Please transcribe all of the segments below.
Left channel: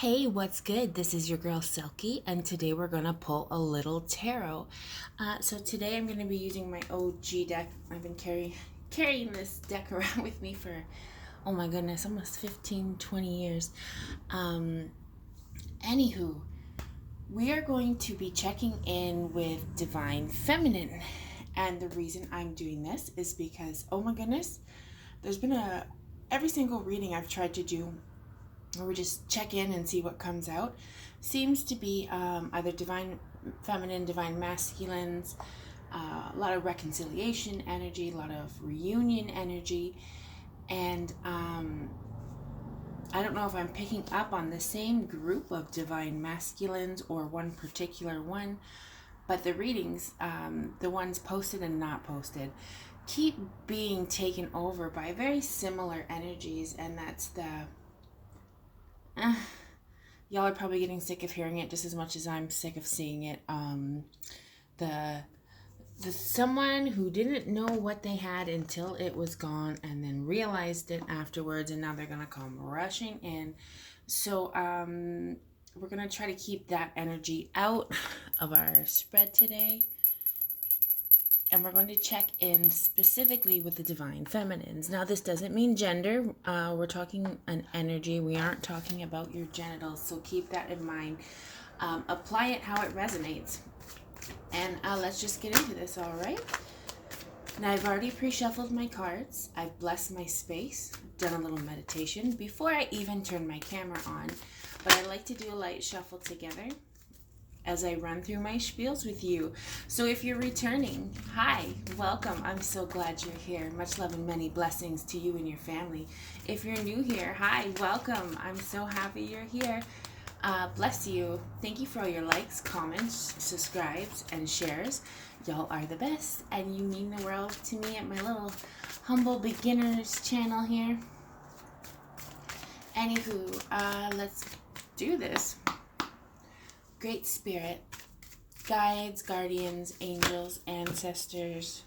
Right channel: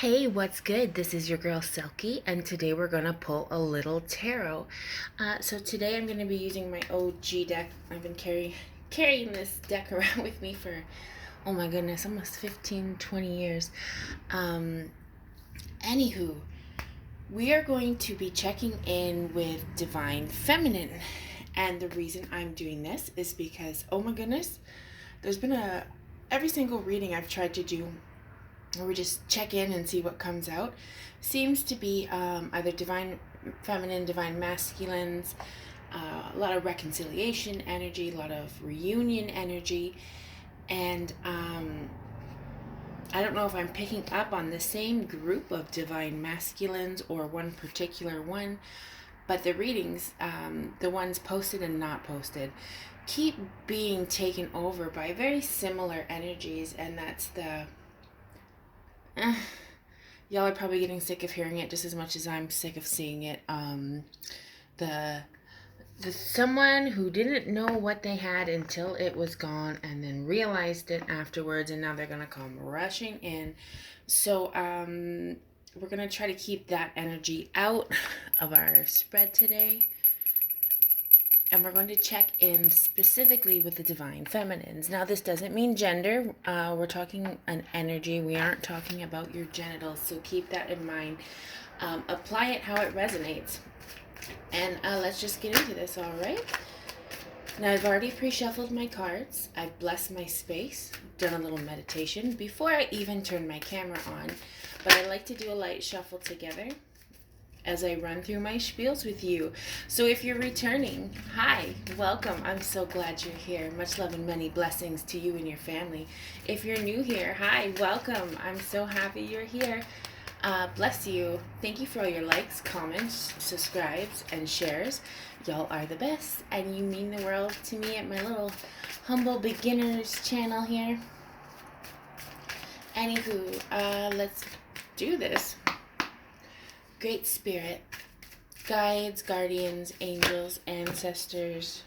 Hey, what's good? This is your girl Selkie, and today we're gonna pull a little tarot. So today I'm gonna be using my OG deck. I've been carrying this deck around with me for, oh my goodness, almost 15, 20 years. Um, Anywho, we are going to be checking in with Divine Feminine, and the reason I'm doing this is because, oh my goodness, there's been every single reading I've tried to do where we just check in and see what comes out seems to be either divine feminine, divine masculines, a lot of reconciliation energy, a lot of reunion energy, and I don't know if I'm picking up on the same group of divine masculines or one particular one, but the readings, the ones posted and not posted, keep being taken over by very similar energies, and that's the y'all are probably getting sick of hearing it just as much as I'm sick of seeing it. The someone who didn't know what they had until it was gone and then realized it afterwards, and now they're gonna come rushing in. So we're gonna try to keep that energy out of our spread today. And we're going to check in specifically with the divine feminines. Now, this doesn't mean gender. We're talking an energy. We aren't talking about your genitals. So keep that in mind. Apply it how it resonates. And let's just get into this, all right? Now, I've already pre-shuffled my cards. I've blessed my space, done a little meditation before I even turn my camera on. But I like to do a light shuffle together as I run through my spiels with you. So if you're returning, hi, welcome. I'm so glad you're here. Much love and many blessings to you and your family. If you're new here, hi, welcome. I'm so happy you're here. Bless you. Thank you for all your likes, comments, subscribes, and shares. Y'all are the best, and you mean the world to me at my little humble beginners channel here. Anywho, let's do this. Great Spirit, guides, guardians, angels, ancestors.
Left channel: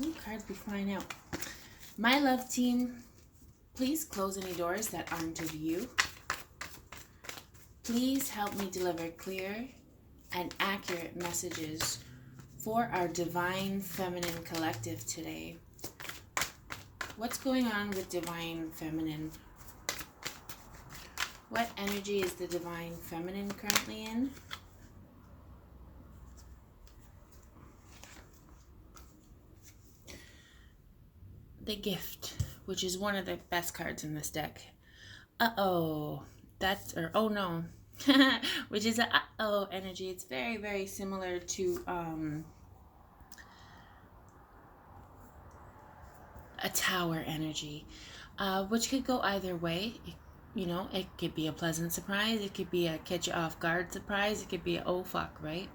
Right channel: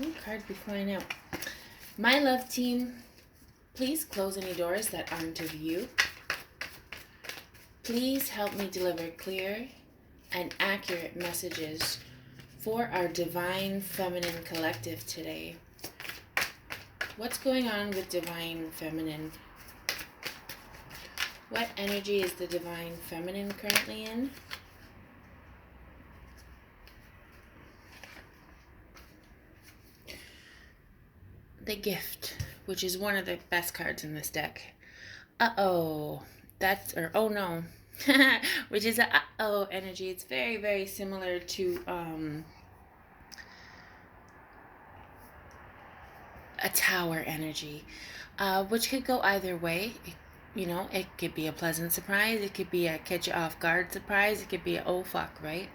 Ooh, cards be flying out. My love team, please close any doors that aren't of you. Please help me deliver clear and accurate messages for our Divine Feminine Collective today. What's going on with Divine Feminine? What energy is the Divine Feminine currently in? The Gift, which is one of the best cards in this deck. Uh-oh. That's, or oh no. Which is a uh-oh energy. It's very, very similar to a Tower energy, which could go either way. It could be a pleasant surprise. It could be a catch you off guard surprise. It could be a oh fuck, right?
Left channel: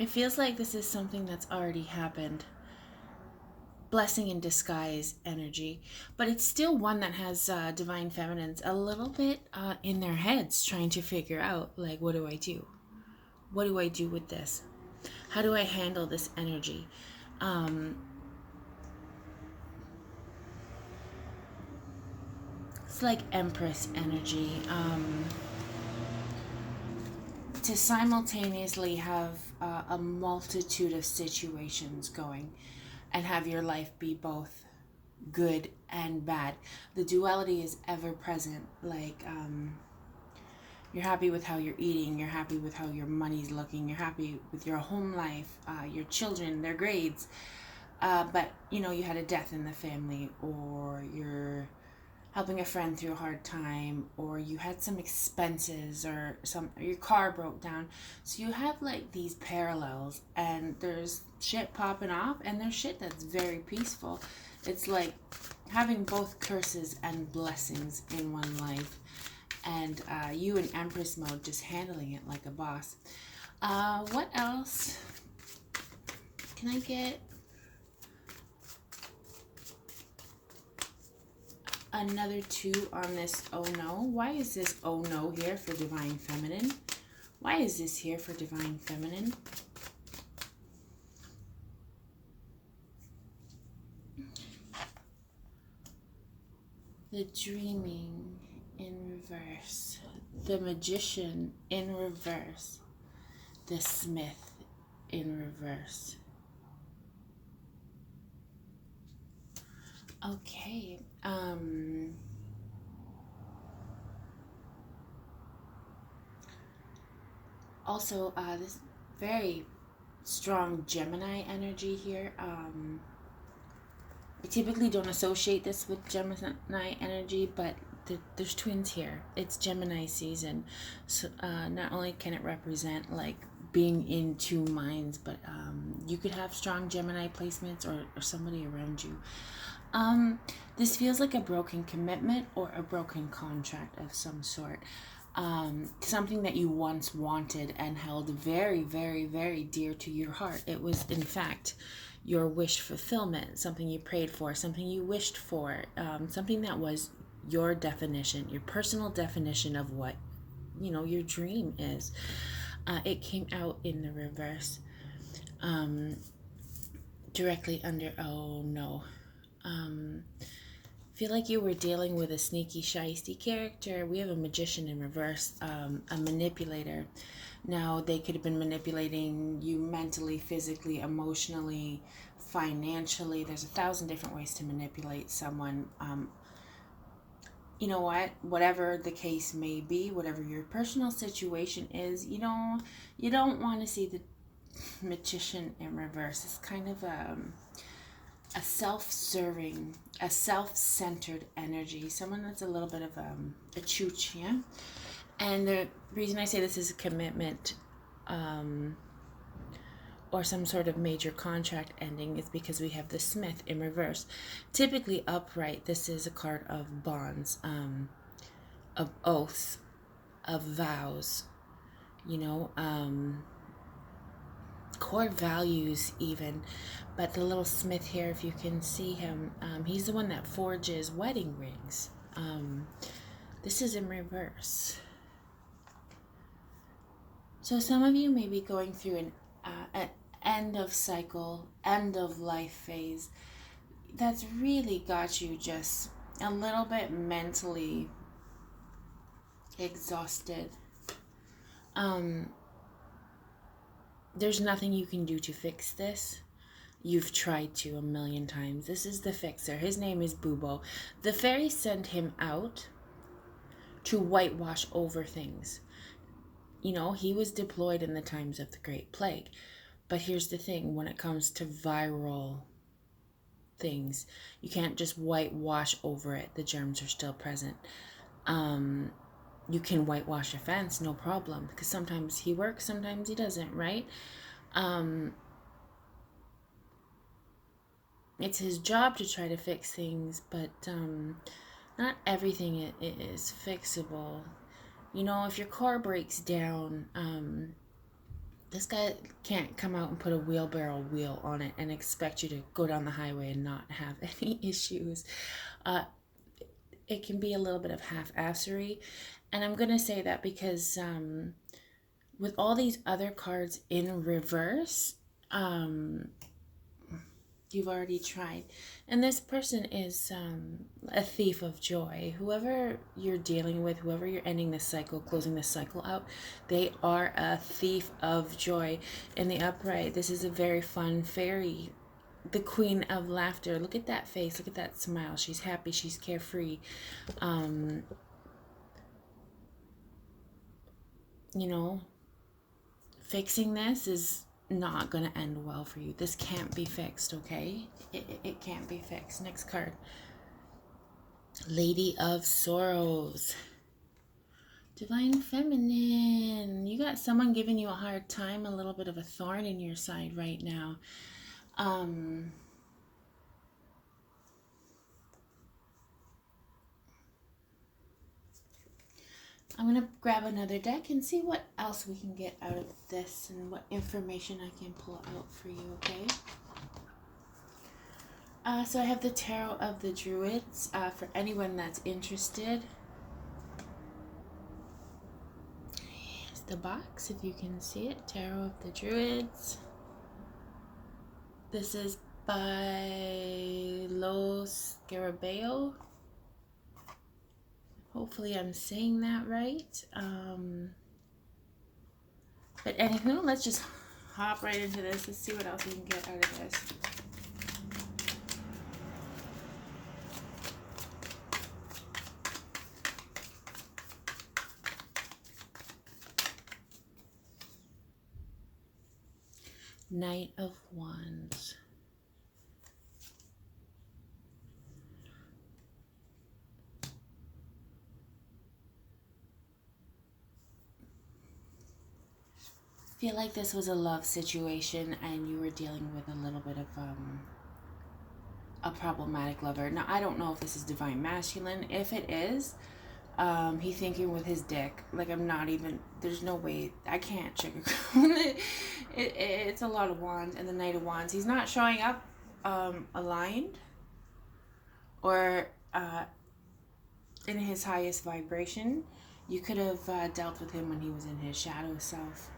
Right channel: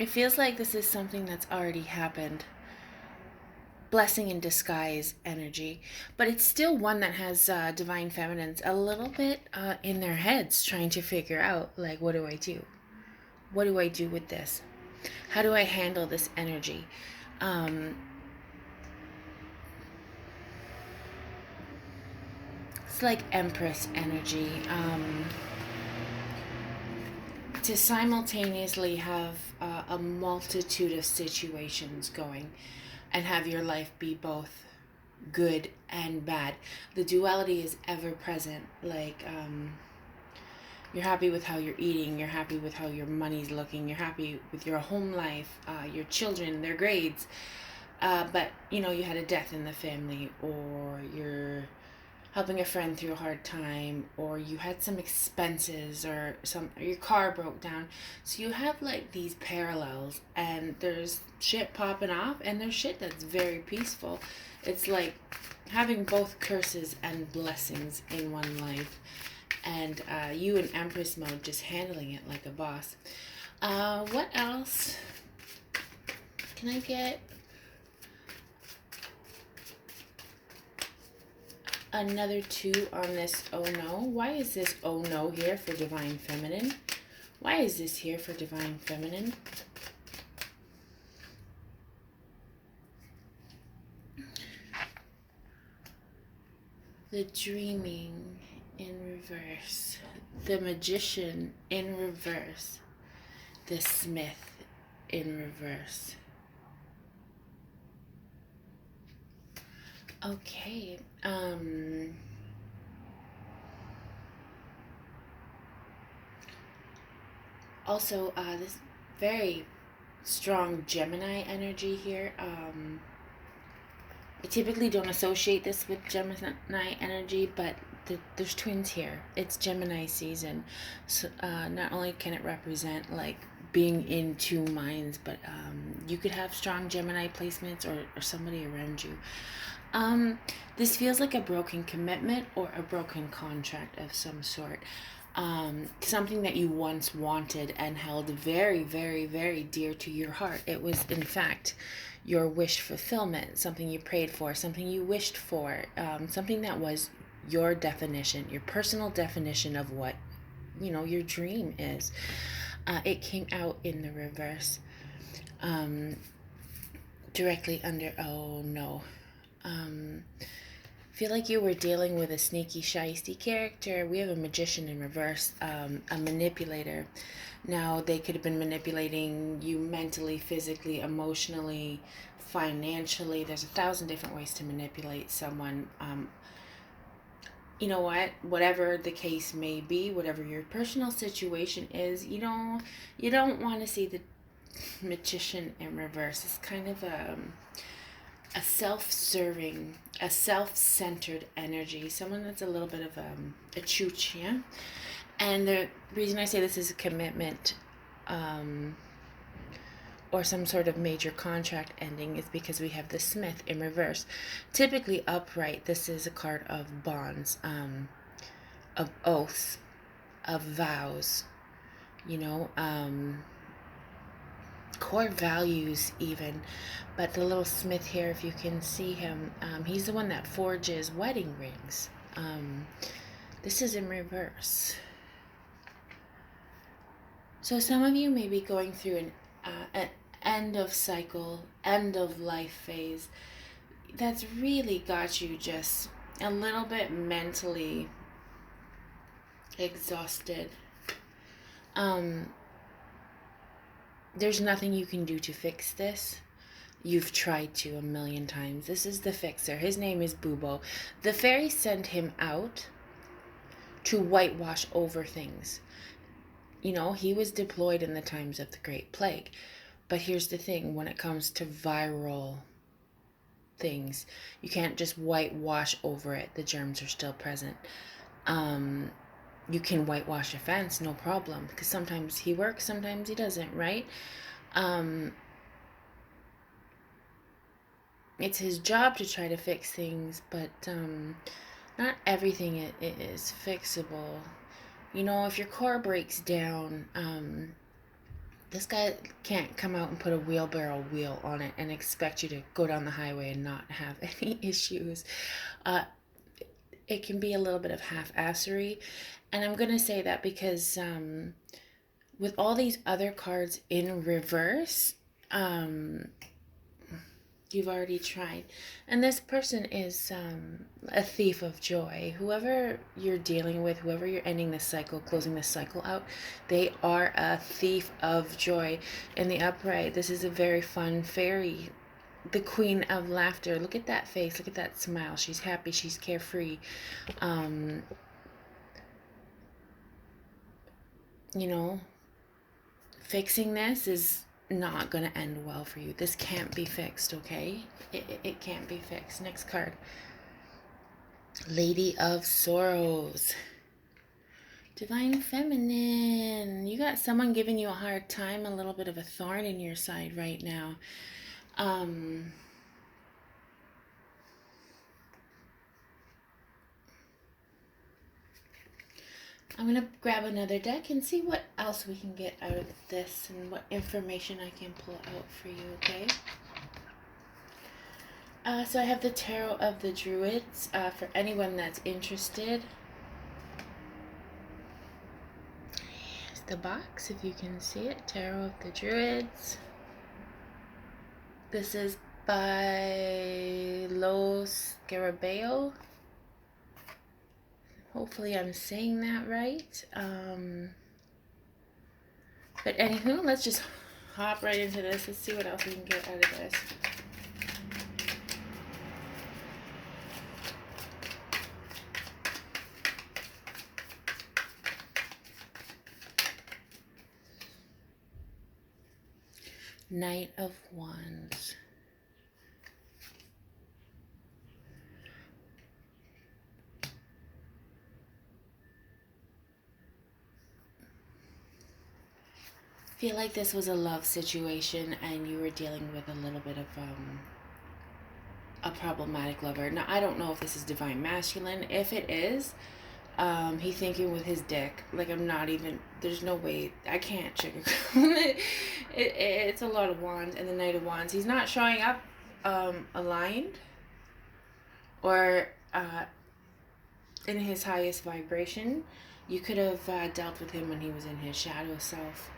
It feels like this is something that's already happened. Blessing in disguise energy, but it's still one that has divine feminines a little bit in their heads trying to figure out, like, what do I do? What do I do with this? How do I handle this energy? It's like Empress energy. To simultaneously have a multitude of situations going and have your life be both good and bad. The duality is ever present. Like, you're happy with how you're eating, you're happy with how your money's looking, you're happy with your home life, your children, their grades. But, you had a death in the family, or you're helping a friend through a hard time, or you had some expenses, or your car broke down. So you have like these parallels, and there's shit popping off, and there's shit that's very peaceful. It's like having both curses and blessings in one life, and you in Empress mode, just handling it like a boss. What else can I get? Another 2 on this oh no. Why is this oh no here for Divine Feminine? Why is this here for Divine Feminine? The Dreaming in reverse. The Magician in reverse. The Smith in reverse. Okay. Also, this very strong Gemini energy here. I typically don't associate this with Gemini energy, but there's twins here. It's Gemini season, so not only can it represent like being in two minds, but you could have strong Gemini placements or somebody around you. This feels like a broken commitment or a broken contract of some sort. Something that you once wanted and held very, very, very dear to your heart. It was, in fact, your wish fulfillment, something you prayed for, something you wished for, something that was your definition, your personal definition of what, your dream is. It came out in the reverse, directly under, oh no. Feel like you were dealing with a sneaky, shisty character. We have a magician in reverse, a manipulator. Now, they could have been manipulating you mentally, physically, emotionally, financially. There's 1,000 different ways to manipulate someone. You know what? Whatever the case may be, whatever your personal situation is, you don't want to see the magician in reverse. It's kind of a self-serving, a self-centered energy. Someone that's a little bit of a chooch, yeah? And the reason I say this is a commitment or some sort of major contract ending is because we have the Smith in reverse. Typically upright, this is a card of bonds, of oaths, of vows, core values even. But the little Smith here, if you can see him, he's the one that forges wedding rings. This is in reverse. So some of you may be going through an end of cycle, end of life phase that's really got you just a little bit mentally exhausted. There's nothing you can do to fix this. You've tried to 1,000,000 times. This is the fixer. His name is Bubo. The fairy sent him out to whitewash over things. He was deployed in the times of the Great Plague. But here's the thing, when it comes to viral things, you can't just whitewash over it. The germs are still present. You can whitewash a fence, no problem, because sometimes he works, sometimes he doesn't, right? It's his job to try to fix things, but not everything is fixable. If your car breaks down, this guy can't come out and put a wheelbarrow wheel on it and expect you to go down the highway and not have any issues. It can be a little bit of half-assery. And I'm going to say that because with all these other cards in reverse, you've already tried. And this person is a thief of joy. Whoever you're dealing with, whoever you're ending this cycle, closing this cycle out, they are a thief of joy. In the upright, this is a very fun fairy, the queen of laughter. Look at that face. Look at that smile. She's happy. She's carefree. Fixing this is not going to end well for you. This can't be fixed, okay? It can't be fixed. Next card. Lady of Sorrows. Divine Feminine. You got someone giving you a hard time, a little bit of a thorn in your side right now. I'm going to grab another deck and see what else we can get out of this and what information I can pull out for you, okay? So I have the Tarot of the Druids for anyone that's interested. Here's the box, if you can see it. Tarot of the Druids. This is by Los Scarabeo. Hopefully I'm saying that right. But anywho, let's just hop right into this. Let's see what else we can get out of this. Knight of Wands. I feel like this was a love situation and you were dealing with a little bit of a problematic lover. Now, I don't know if this is divine masculine. If it is, he thinking with his dick. Like, I'm not even, there's no way, I can't sugarcoat it. It's a lot of wands and the Knight of Wands. He's not showing up aligned or in his highest vibration. You could have dealt with him when he was in his shadow self.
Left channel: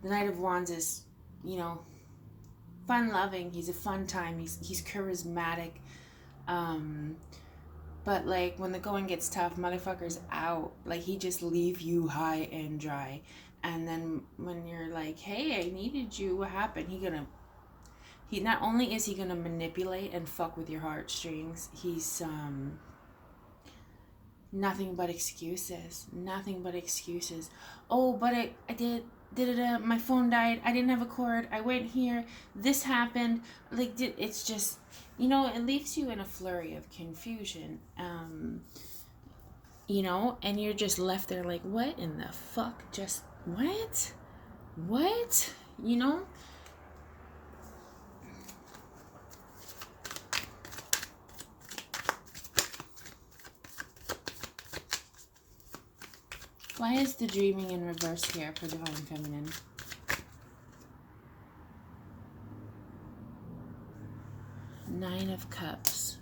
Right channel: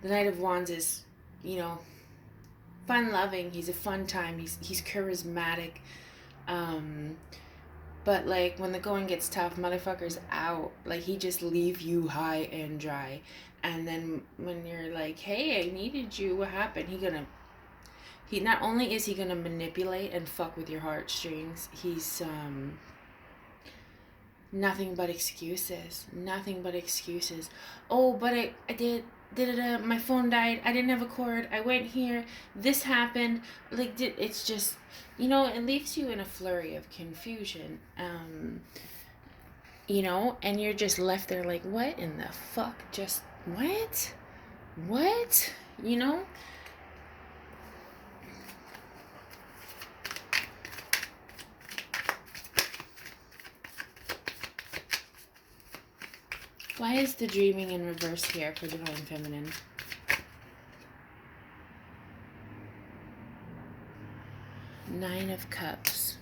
The Knight of Wands is, you know, fun-loving. He's a fun time. He's charismatic. But, like, when the going gets tough, motherfucker's out. Like, he just leave you high and dry. And then when you're like, hey, I needed you, what happened? He not only is he gonna manipulate and fuck with your heartstrings, he's nothing but excuses. Nothing but excuses. Oh, but I did. My phone died. I didn't have a cord. I went here. This happened. Like, it's just, you know, it leaves you in a flurry of confusion. You know, and you're just left there like, what in the fuck? Just, what? What? You know? Why is the dreaming in reverse here for Divine Feminine? Nine of Cups.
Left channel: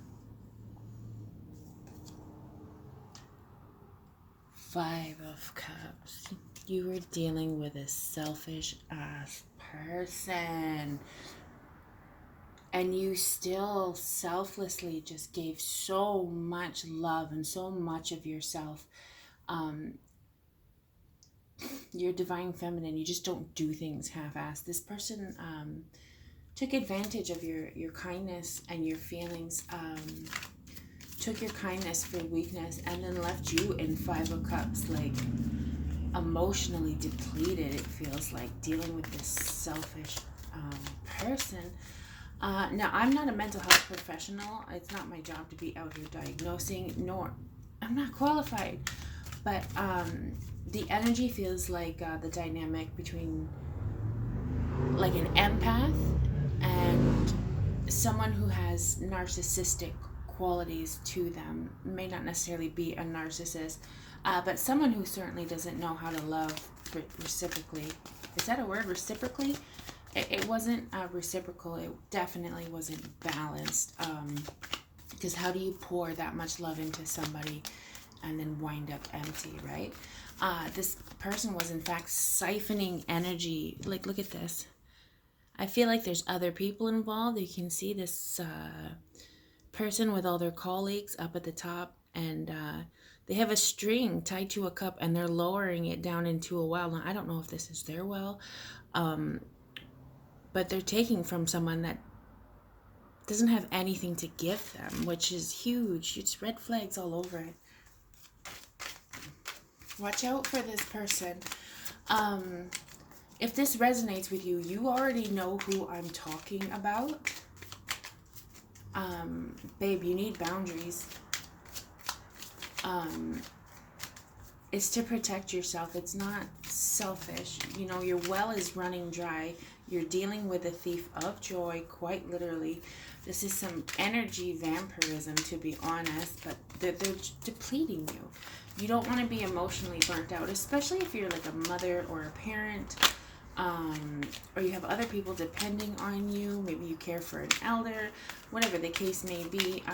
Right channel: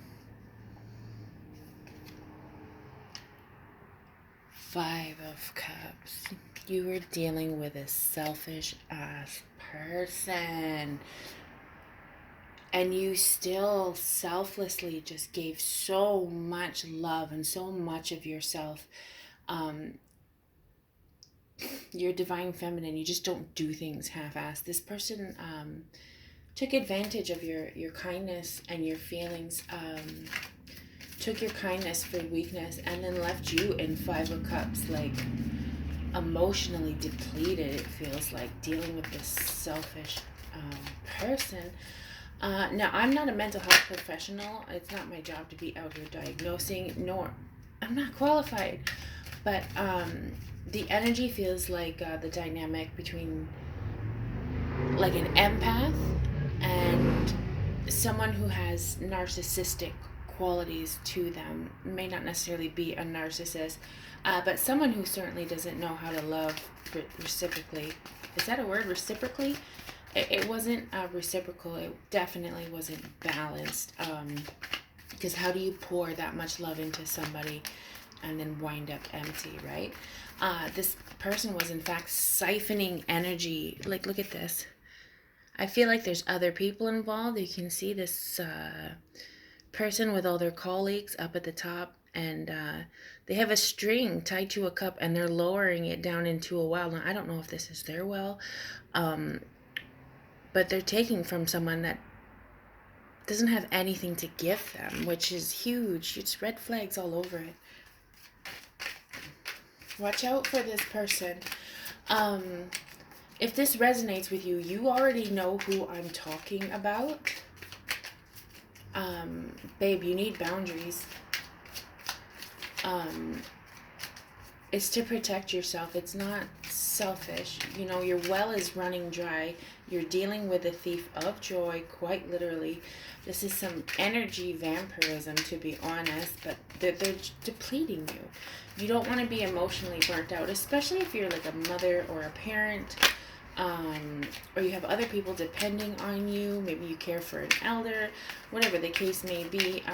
Five of Cups. You were dealing with a selfish ass person. And you still selflessly just gave so much love and so much of yourself. You're Divine Feminine. You just don't do things half-assed. This person took advantage of your kindness and your feelings. Took your kindness for weakness and then left you in Five of Cups, like emotionally depleted. It feels like dealing with this selfish person. Now, I'm not a mental health professional. It's not my job to be out here diagnosing, nor I'm not qualified. But the energy feels like the dynamic between like an empath and someone who has narcissistic qualities to them. May not necessarily be a narcissist, but someone who certainly doesn't know how to love reciprocally. Is that a word? Reciprocally? It wasn't reciprocal. It definitely wasn't balanced. Because how do you pour that much love into somebody and then wind up empty, right? This person was in fact siphoning energy. Like, look at this. I feel like there's other people involved. You can see this person with all their colleagues up at the top, and they have a string tied to a cup and they're lowering it down into a well. Now, I don't know if this is their well, but they're taking from someone that doesn't have anything to give them, which is huge. It's red flags all over it. Watch out for this person. If this resonates with you, you already know who I'm talking about. Babe, you need boundaries. It's to protect yourself. It's not selfish. You know, your well is running dry. You're dealing with a thief of joy, quite literally. This is some energy vampirism, to be honest, but they're depleting you. You don't want to be emotionally burnt out, especially if you're like a mother or a parent, or you have other people depending on you. Maybe you care for an elder, whatever the case may be.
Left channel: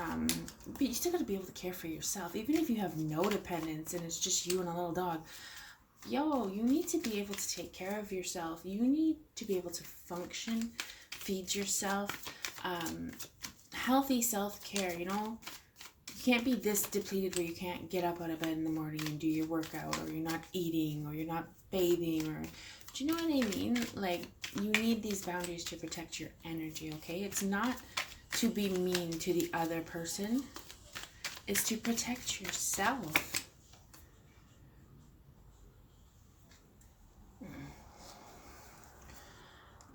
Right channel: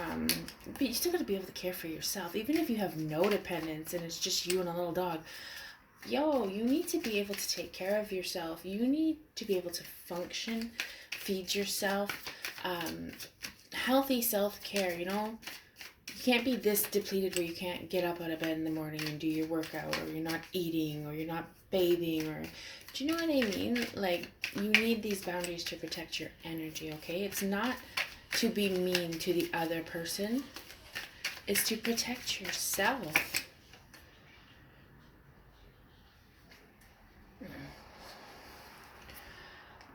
But you still got to be able to care for yourself, even if you have no dependents and it's just you and a little dog. Yo, you need to be able to take care of yourself. You need to be able to function, feed yourself, healthy self-care, you know. You can't be this depleted where you can't get up out of bed in the morning and do your workout, or you're not eating, or you're not bathing, or do you know what I mean? Like, you need these boundaries to protect your energy, okay? It's not to be mean to the other person. It's to protect yourself.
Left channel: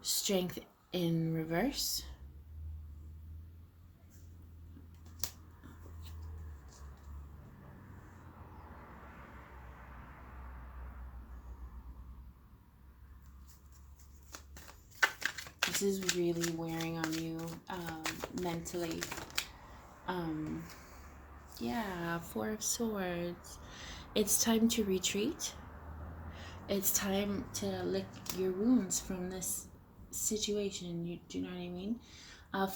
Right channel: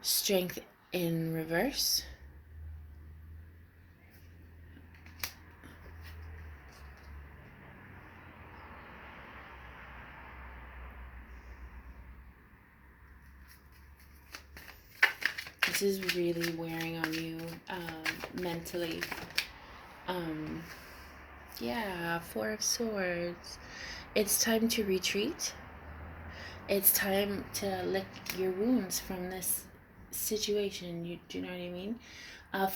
Strength in reverse. This is really wearing on you mentally. Yeah, Four of Swords. It's time to retreat. It's time to lick your wounds from this situation. Do you know what I mean?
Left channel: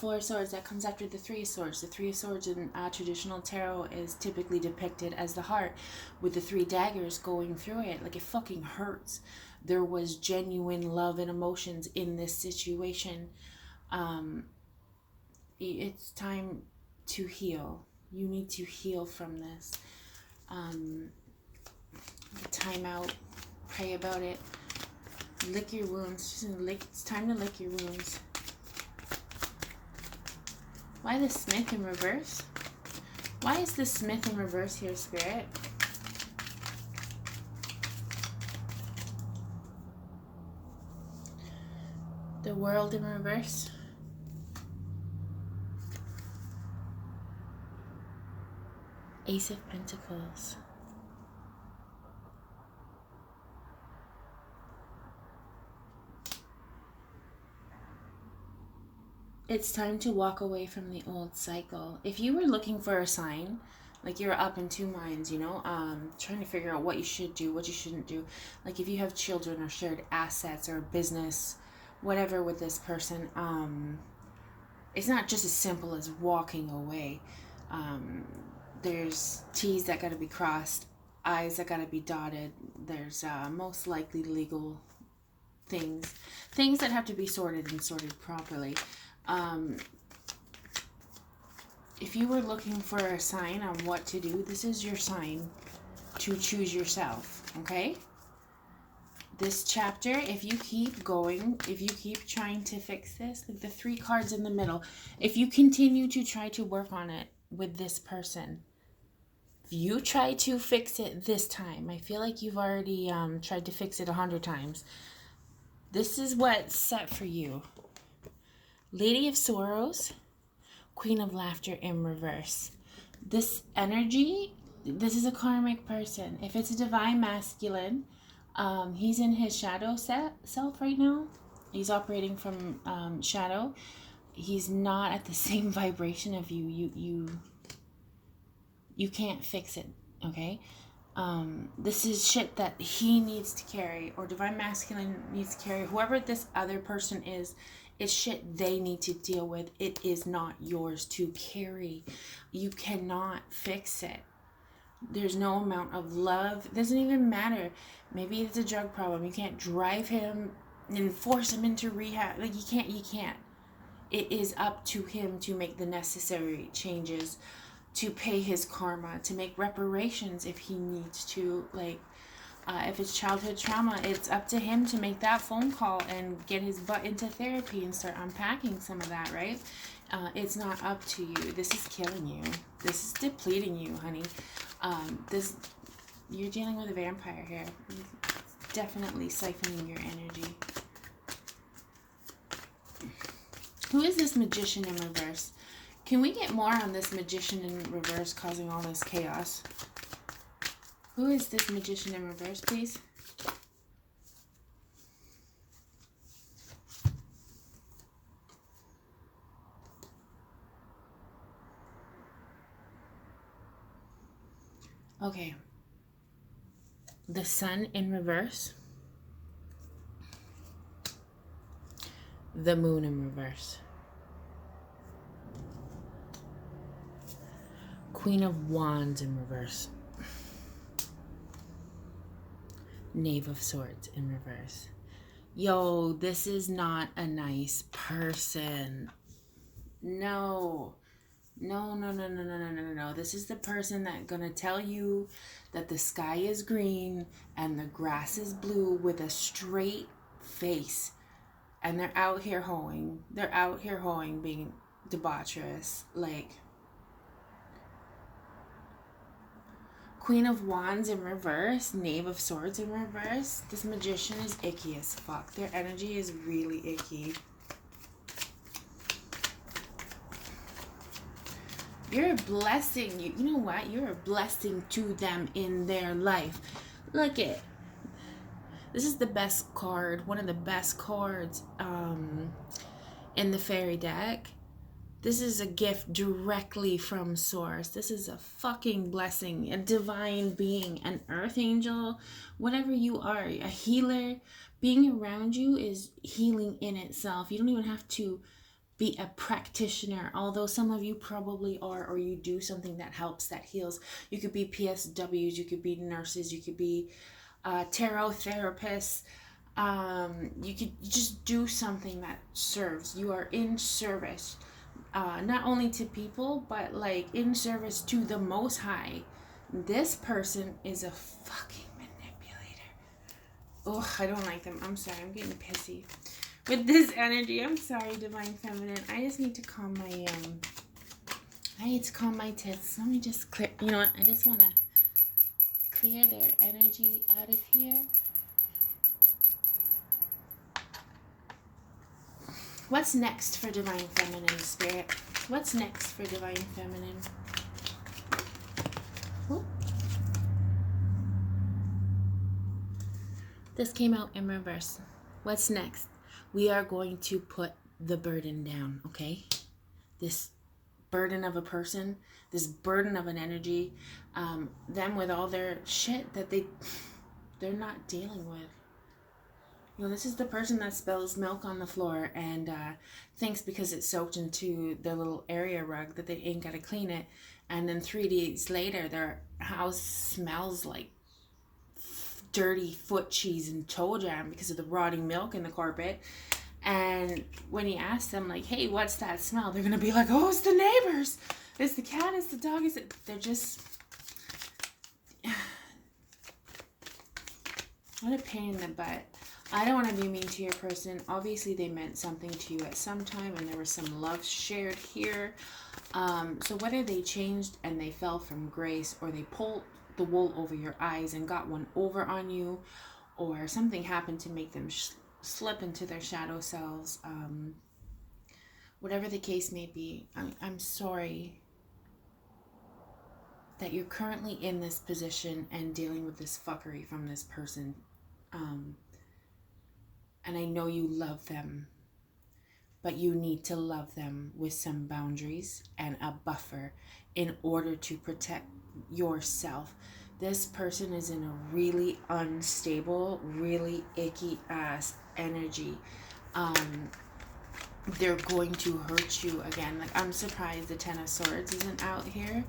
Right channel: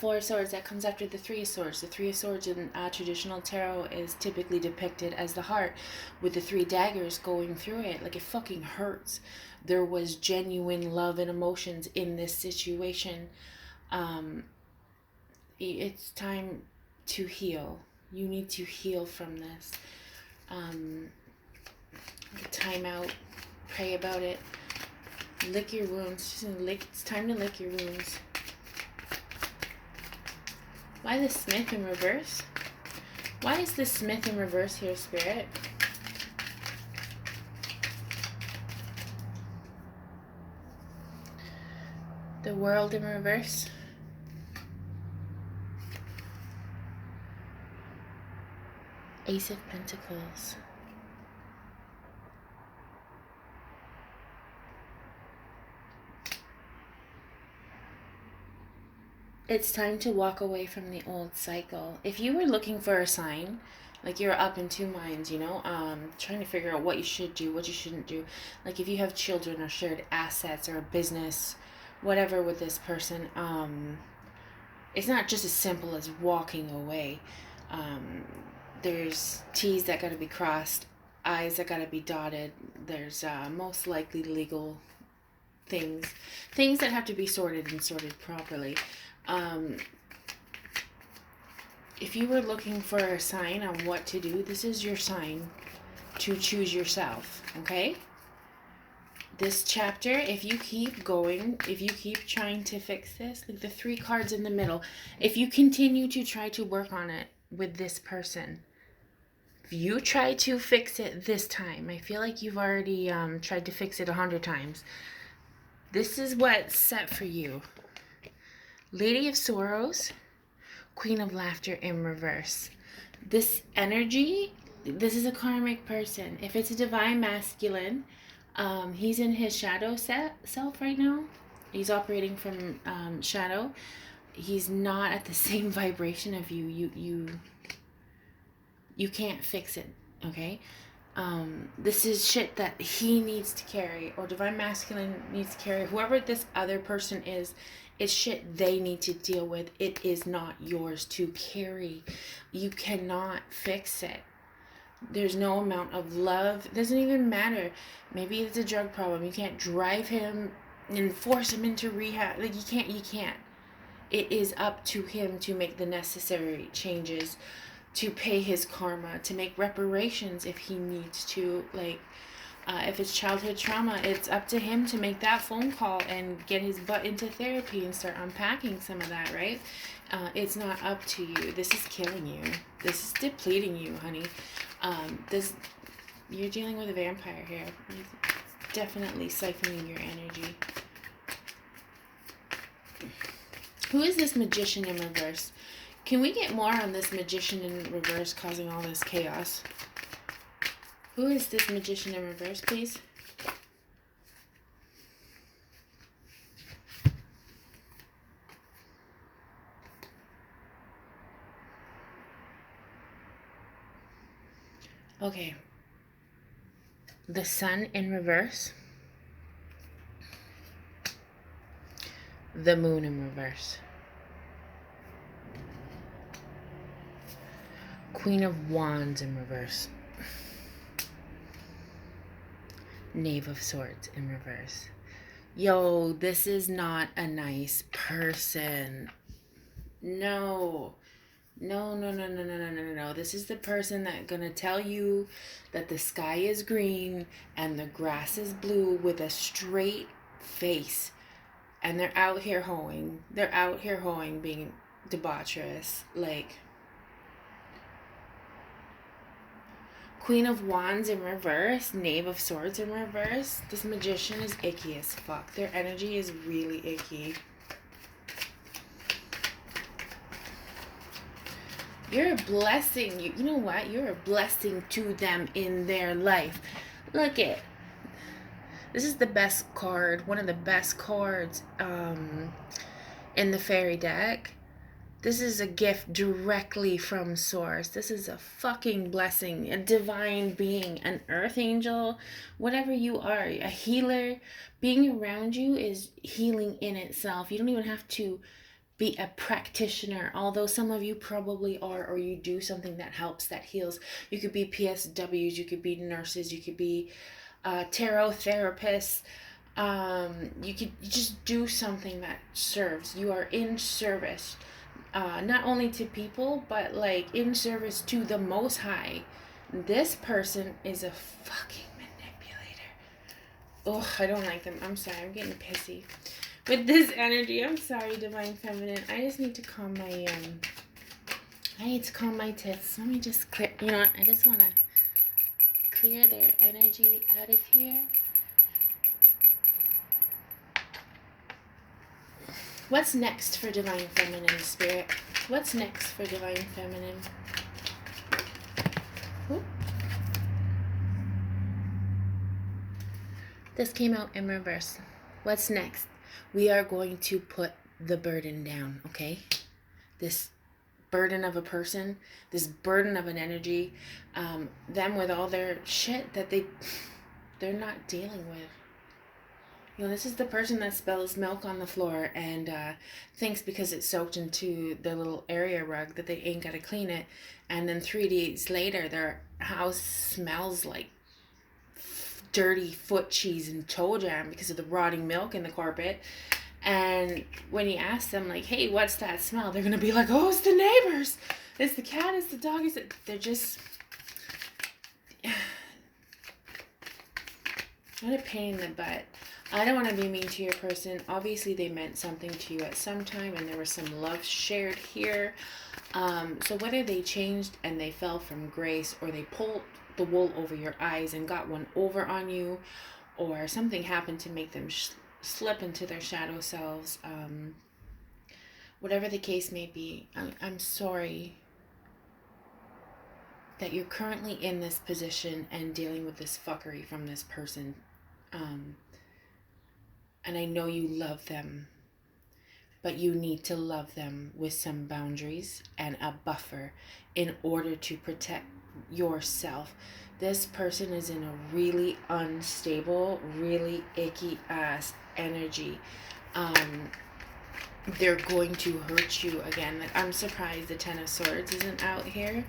Four of Swords, that comes after the Three of Swords. The Three of Swords in traditional tarot is typically depicted as the heart with the three daggers going through it. Like, it fucking hurts. There was genuine love and emotions in this situation. It's time to heal. You need to heal from this. Time out. Pray about it. Lick your wounds. It's time to lick your wounds. Why the Smith in reverse? Why is the Smith in reverse here, Spirit? The World in reverse. Ace of Pentacles. It's time to walk away from the old cycle. If you were looking for a sign, like you're up in two minds, you know, trying to figure out what you should do, what you shouldn't do. Like if you have children or shared assets or a business, whatever with this person, it's not just as simple as walking away. There's T's that got to be crossed, I's that got to be dotted. There's most likely legal things that have to be sorted and sorted properly. If you were looking for a sign on what to do, this is your sign to choose yourself, okay? This chapter, if you keep going, if you keep trying to fix this, like the three cards in the middle, if you continue to try to work on it with this person, if you try to fix it this time, I feel like you've already tried to fix it 100 times. This is what's set for you. Lady of Sorrows, Queen of Laughter in reverse. This energy, this is a karmic person. If it's a divine masculine, he's in his shadow self right now. He's operating from shadow. He's not at the same vibration of you. You can't fix it, okay? This is shit that he needs to carry, or divine masculine needs to carry. Whoever this other person is, it's shit they need to deal with. It is not yours to carry. You cannot fix it. There's no amount of love. It doesn't even matter. Maybe it's a drug problem. You can't drive him and force him into rehab. Like, you can't. It is up to him to make the necessary changes, to pay his karma, to make reparations if he needs to. Like, if it's childhood trauma, it's up to him to make that phone call and get his butt into therapy and start unpacking some of that, right? It's not up to you. This is killing you. This is depleting you, honey. You're dealing with a vampire here. He's definitely siphoning your energy. Who is this Magician in reverse? Can we get more on this Magician in reverse causing all this chaos? Who is this Magician in reverse, please? Okay. The Sun in reverse. The Moon in reverse. Queen of Wands in reverse. Knave of Swords in reverse. Yo, this is not a nice person. No. No. this is the person that's gonna tell you that the sky is green and the grass is blue with a straight face. And they're out here hoeing. They're out here hoeing, being debaucherous. Like, Queen of Wands in reverse, Knave of Swords in reverse. This magician is icky as fuck. Their energy is really icky. You're a blessing. You know what? You're a blessing to them in their life. Look it. This is the best card. One of the best cards in the fairy deck. This is a gift directly from source. This is a fucking blessing, a divine being, an earth angel, whatever you are, a healer. Being around you is healing in itself. You don't even have to be a practitioner, although some of you probably are, or you do something that helps, that heals. You could be PSWs, you could be nurses, you could be tarot therapists. You just do something that serves. You are in service. Not only to people, but like in service to the Most High. This person is a fucking manipulator. Oh, I don't like them. I'm sorry. I'm getting pissy with this energy. I'm sorry, Divine Feminine. I just need to calm my tits. Let me just clear. You know what? I just want to clear their energy out of here. What's next for Divine Feminine, Spirit? What's next for Divine Feminine? Ooh. This came out in reverse. What's next? We are going to put the burden down, okay? This burden of a person, this burden of an energy, them with all their shit that they're not dealing with. You know, this is the person that spills milk on the floor and thinks because it's soaked into their little area rug that they ain't got to clean it. And then 3 days later, their house smells like dirty foot cheese and toe jam because of the rotting milk in the carpet. And when you ask them, like, hey, what's that smell? They're going to be like, oh, it's the neighbors. It's the cat, it's the dog. They're just... what a pain in the butt. I don't want to be mean to your person. Obviously, they meant something to you at some time, and there was some love shared here. So whether they changed and they fell from grace, or they pulled the wool over your eyes and got one over on you, or something happened to make them slip into their shadow selves, whatever the case may be, I'm sorry that you're currently in this position and dealing with this fuckery from this person. And I know you love them, but you need to love them with some boundaries and a buffer in order to protect yourself. This person is in a really unstable, really icky ass energy. They're going to hurt you again. Like, I'm surprised the Ten of Swords isn't out here.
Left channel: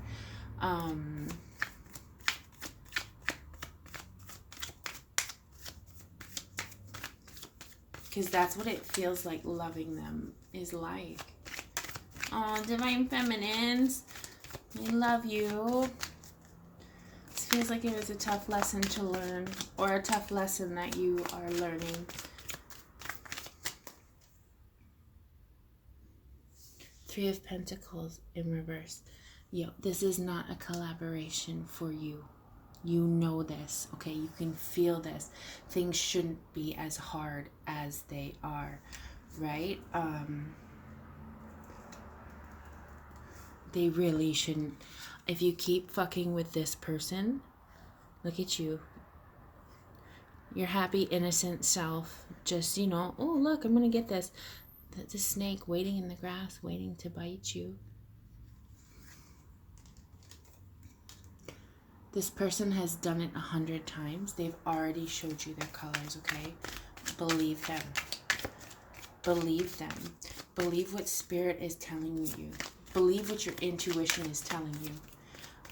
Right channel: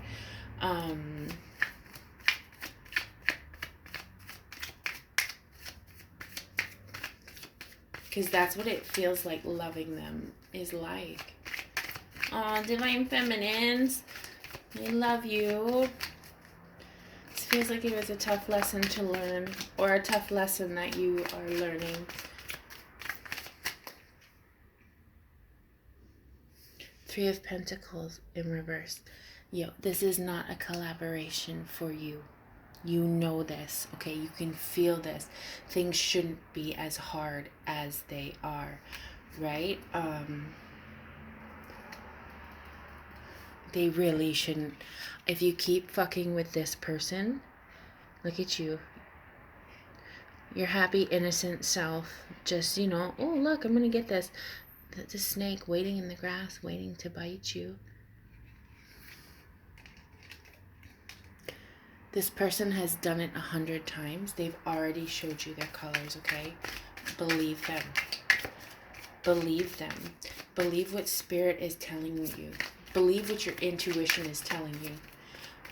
Because that's what it feels like loving them is like. Aw, Divine Feminines, we love you. This feels like it was a tough lesson to learn, or a tough lesson that you are learning. Three of Pentacles in reverse. Yo, this is not a collaboration for you. You know this, okay? You can feel this. Things shouldn't be as hard as they are, right? They really shouldn't. If you keep fucking with this person, look at you. Your happy, innocent self, just, you know, oh, look, I'm gonna get this. The snake waiting in the grass, waiting to bite you. This person has done it 100 times. They've already showed you their colors, okay? Believe them. Believe them. Believe what Spirit is telling you. Believe what your intuition is telling you.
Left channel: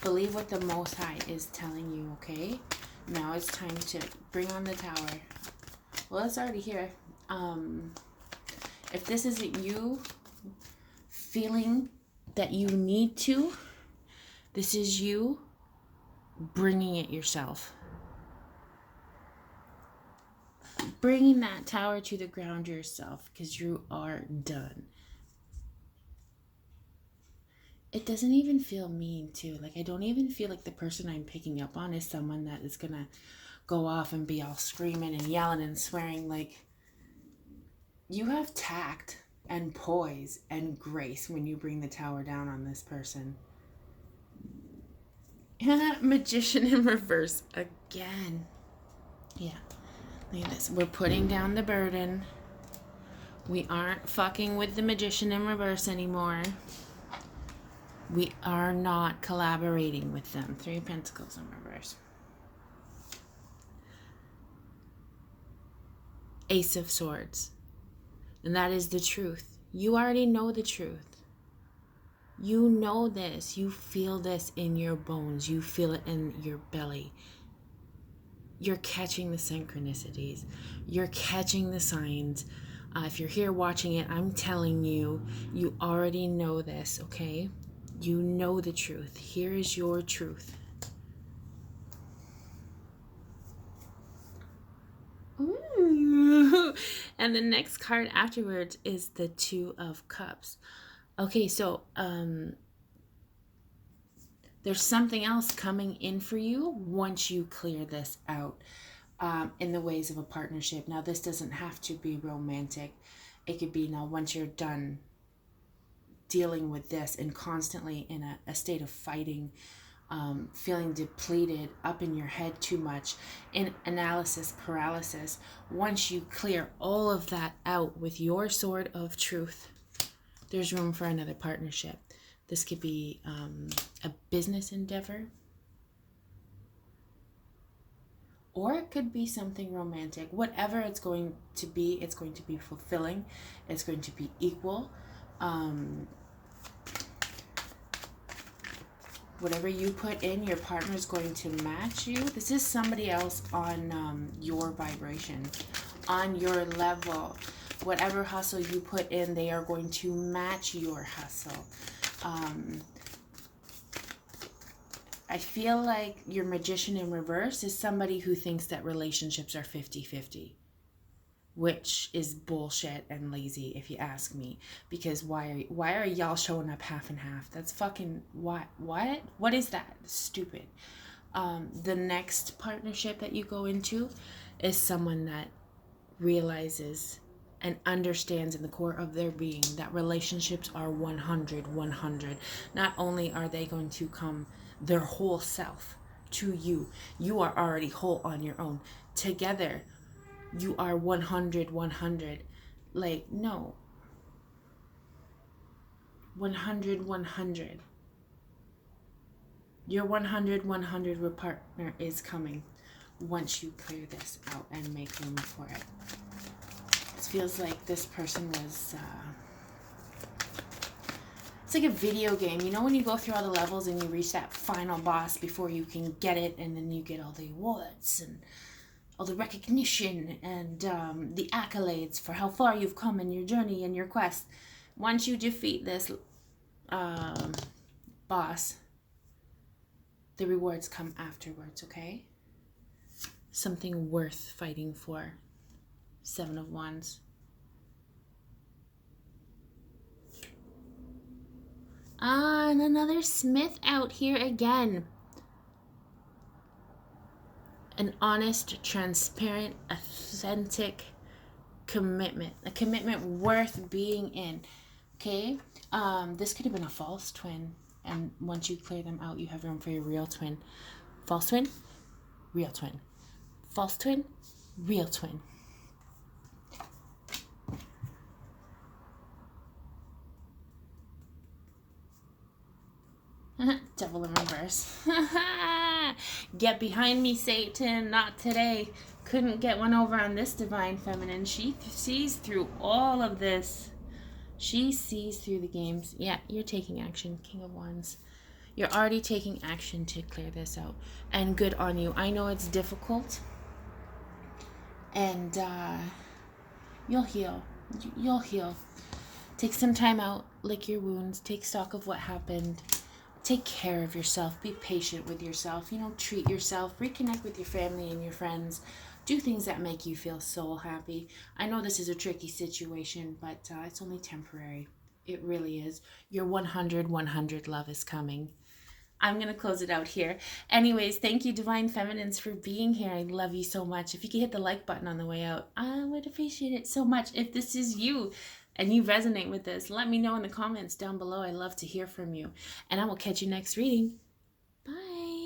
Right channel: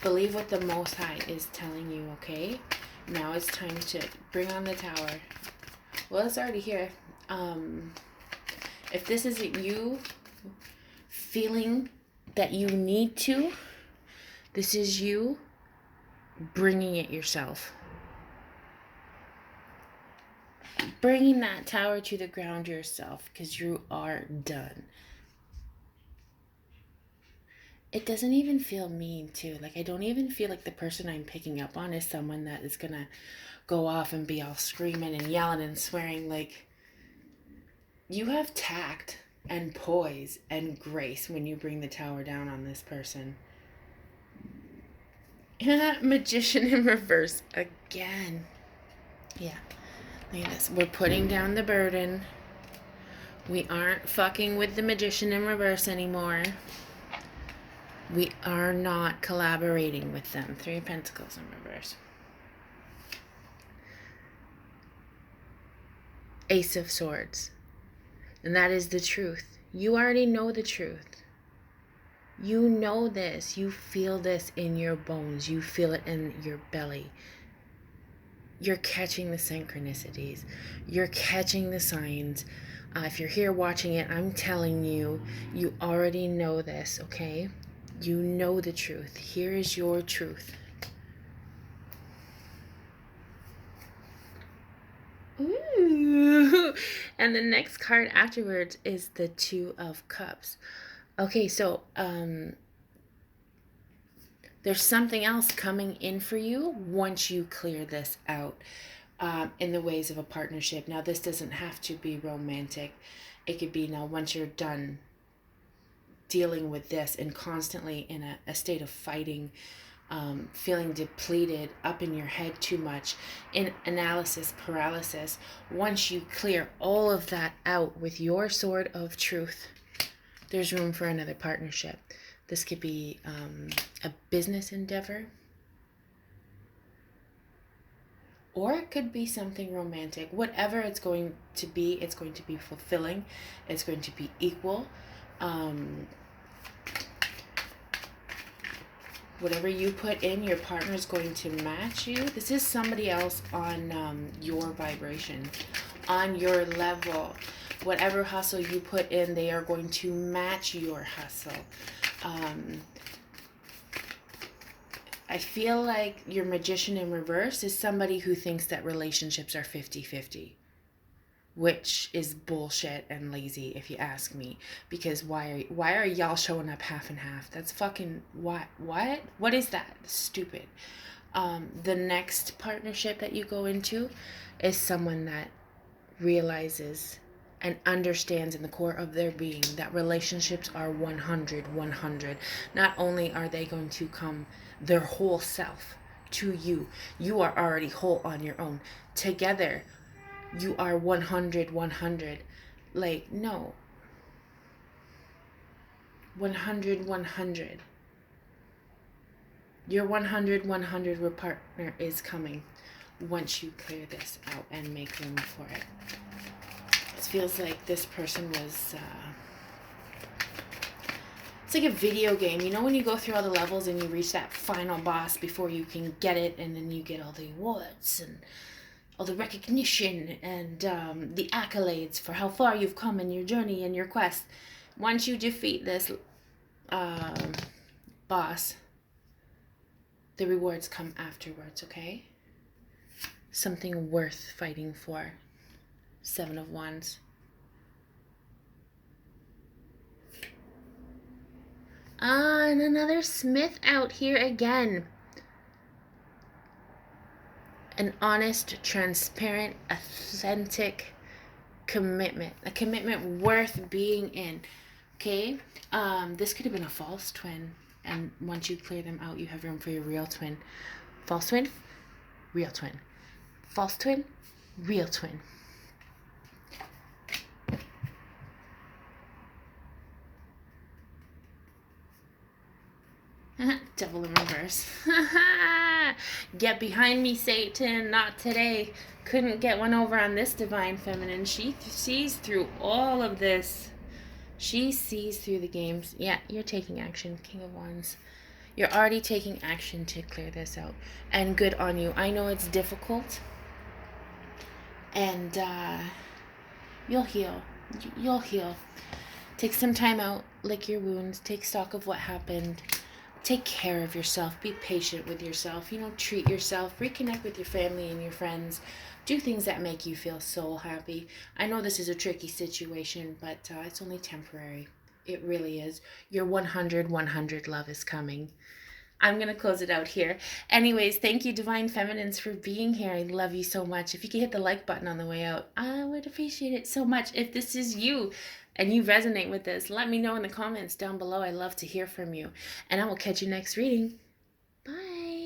Believe what the Most High is telling you, okay? Now it's time to bring on the Tower. Well, it's already here. If this isn't you feeling that you need to, This is you bringing it yourself. Bringing that tower to the ground yourself, because you are done. It doesn't even feel mean, too. Like, I don't even feel like the person I'm picking up on is someone that is going to go off and be all screaming and yelling and swearing. Like, you have tact and poise and grace when you bring the tower down on this person. Magician in reverse again. Yeah. Look at this. We're putting down the burden. We aren't fucking with the magician in reverse anymore. We are not collaborating with them. 3 of Pentacles in reverse. Ace of Swords. And that is the truth. You already know the truth. You know this. You feel this in your bones. You feel it in your belly. You're catching the synchronicities. You're catching the signs. If you're here watching it, I'm telling you, you already know this, okay? You know the truth. Here is your truth. Ooh. And the next card afterwards is the Two of Cups. Okay, so there's something else coming in for you once you clear this out in the ways of a partnership. Now, this doesn't have to be romantic. It could be now once you're done dealing with this and constantly in a state of fighting, feeling depleted, up in your head too much, in analysis paralysis. Once you clear all of that out with your sword of truth, there's room for another partnership. This could be a business endeavor, or it could be something romantic. Whatever it's going to be fulfilling. It's going to be equal. Whatever you put in, your partner is going to match you. This is somebody else on your vibration, on your level. Whatever hustle you put in, they are going to match your hustle. I feel like your magician in reverse is somebody who thinks that relationships are 50-50. Which is bullshit and lazy, if you ask me. Because why are y'all showing up half and half? That's fucking what is that? Stupid. The next partnership that you go into is someone that realizes and understands in the core of their being that relationships are 100. Not only are they going to come their whole self to you, you are already whole on your own. Together, you are 100. Like, no. 100. Your 100 partner is coming once you clear this out and make room for it. It feels like this person was... it's like a video game. You know when you go through all the levels and you reach that final boss before you can get it, and then you get all the awards and all the recognition and the accolades for how far you've come in your journey and your quest. Once you defeat this boss, the rewards come afterwards, okay? Something worth fighting for. 7 of Wands. And another Smith out here again. An honest, transparent, authentic commitment. A commitment worth being in. Okay? This could have been a false twin. And once you clear them out, you have room for your real twin. False twin, real twin. False twin, real twin. Devil in reverse. Get behind me, Satan. Not today. Couldn't get one over on this divine feminine. She sees through all of this. She sees through the games. Yeah, you're taking action, King of Wands. You're already taking action to clear this out. And good on you. I know it's difficult. And you'll heal. You'll heal. Take some time out. Lick your wounds. Take stock of what happened. take care of yourself, be patient with yourself, treat yourself, reconnect with your family and your friends, do things that make you feel so happy. I know this is a tricky situation, but it's only temporary. It really is. Your 100 love is coming. I'm going to close it out here. Anyways, thank you, Divine Feminines, for being here. I love you so much. If you could hit the like button on the way out, I would appreciate it so much. If this is you and you resonate with this, let me know in the comments down below. I love to hear from you. And I will catch you next reading. Bye.